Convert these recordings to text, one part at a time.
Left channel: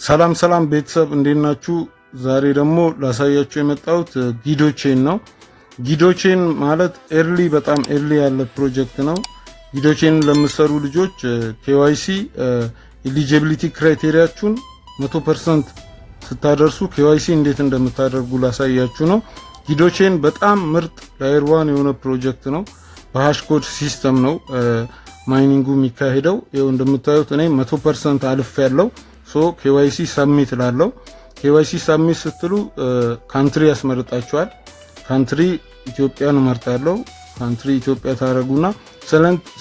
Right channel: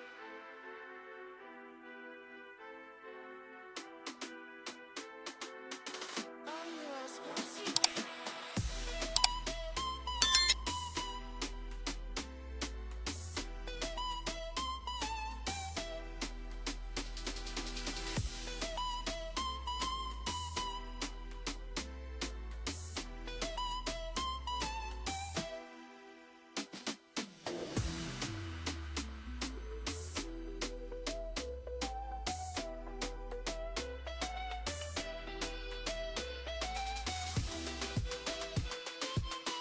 ሰላም ሰላም ቤተሰብ እንዴት ናችሁ? ዛሬ ደግሞ ላሳያችሁ የመጣሁት ጊዶቼን ነው። ጊዶቼን ማለት በጣም ኤርሊ ያለ ፕሮጀክት ነው። ጊዶቼን ለምትሰሩ ልጆች KYC ኤሊጂቢሊቲ ክራይቴሪያችሁን 100% ስታደርሱ KYC እንዴት እንደምታደርጉ ላሳያችሁ ነው። ጊዶቼን በጣም ምርጥ ላየር 1 የሆነ ፕሮጀክት ነው። በሃሽ ኮድ ሲስተም ነው ማይኒንጉ የሚካሄደው። ይኸው እንደምታዩት እኔ 100% አልፍ ያለው KYC ሰብሚት ላለው KYC ሰብሚት ስትሉ ካንትሪ ያስመርጣችኋል። ካንትሪ ኢትዮጵያን እመርጣለሁ። ካንትሪ ኢትዮጵያ ታረጉና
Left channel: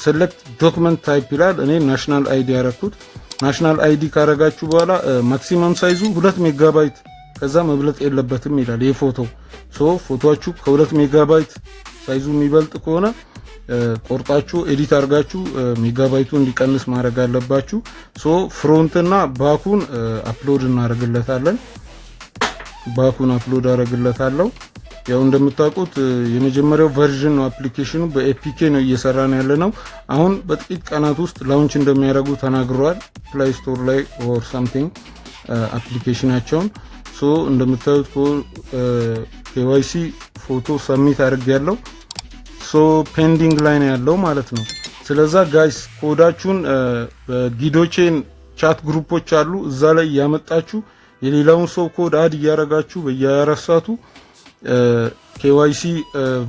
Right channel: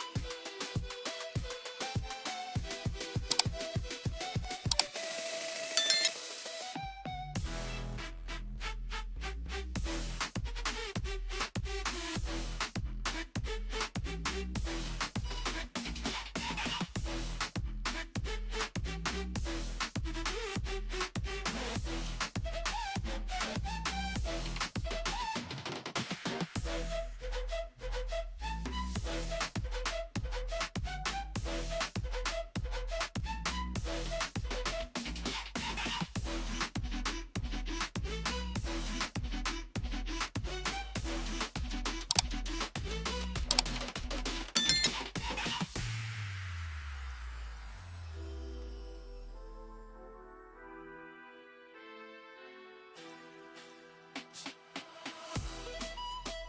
ሴሌክት ዶክመንት ታይፕ ይላል። እኔ ናሽናል አይዲ ያረኩት። ናሽናል አይዲ ካረጋችሁ በኋላ ማክሲመም ሳይዙ 2 ሜጋባይት ከዛ መብለጥ የለበትም ይላል። የፎቶ ፎቶአችሁ ከ2 ሜጋባይት ሳይዙ የሚበልጥ ከሆነ ቆርጣችሁ ኤዲት አርጋችሁ ሜጋባይቱ እንዲቀንስ ማድረግ አለባችሁ። ፍሮንት እና ባኩን አፕሎድ እናደርግለታለን። ባኩን አፕሎድ አደርግለታለሁ። ያው እንደምታውቁት የመጀመሪያው ቨርዥን ነው አፕሊኬሽኑ። በኤፒኬ ነው እየሰራን ያለ ነው። አሁን በጥቂት ቀናት ውስጥ ላውንች እንደሚያደርጉ ተናግረዋል። ፕሌይ ስቶር ላይ ኦር ሳምቲንግ አፕሊኬሽናቸውን እንደምታዩት KYC ፎቶ ሰብሚት አድርጌያለሁ። ፔንዲንግ ላይ ነው ያለው ማለት ነው። ስለዛ ጋይስ ኮዳችሁን በጊዶቼን ቻት ግሩፖች አሉ፣ እዛ ላይ ያመጣችሁ የሌላውን ሰው ኮድ አድ እያረጋችሁ በየ24 ሰዓቱ KYC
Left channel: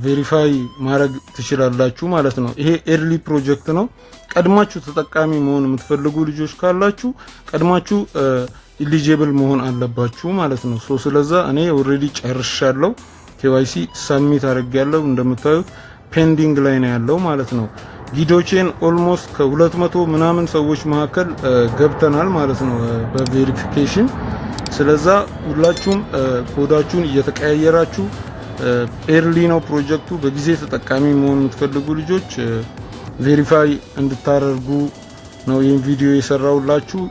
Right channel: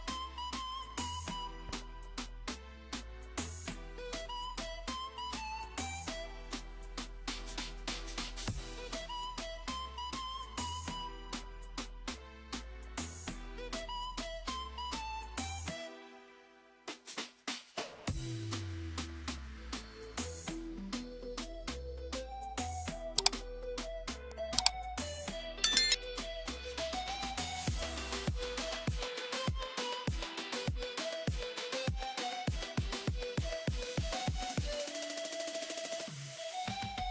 ቬሪፋይ ማድረግ ትችላላችሁ ማለት ነው። ይሄ ኤርሊ ፕሮጀክት ነው። ቀድማችሁ ተጠቃሚ መሆን የምትፈልጉ ልጆች ካላችሁ ቀድማችሁ ኢሊጂብል መሆን አለባችሁ ማለት ነው። ስለዛ እኔ ኦልሬዲ ጨርሻለሁ። KYC ሰብሚት አድርጌያለሁ። እንደምታዩት ፔንዲንግ ላይ ነው ያለው ማለት ነው። ጊዶቼን ኦልሞስት ከ200 ምናምን ሰዎች መካከል ገብተናል ማለት ነው በቬሪፊኬሽን። ስለዛ ሁላችሁም ኮዳችሁን እየተቀያየራችሁ ኤርሊ ነው ፕሮጀክቱ። በጊዜ ተጠቃሚ መሆን የምትፈልጉ ልጆች ቬሪፋይ እንድታደርጉ ነው ይህን ቪዲዮ የሰራሁላችሁ።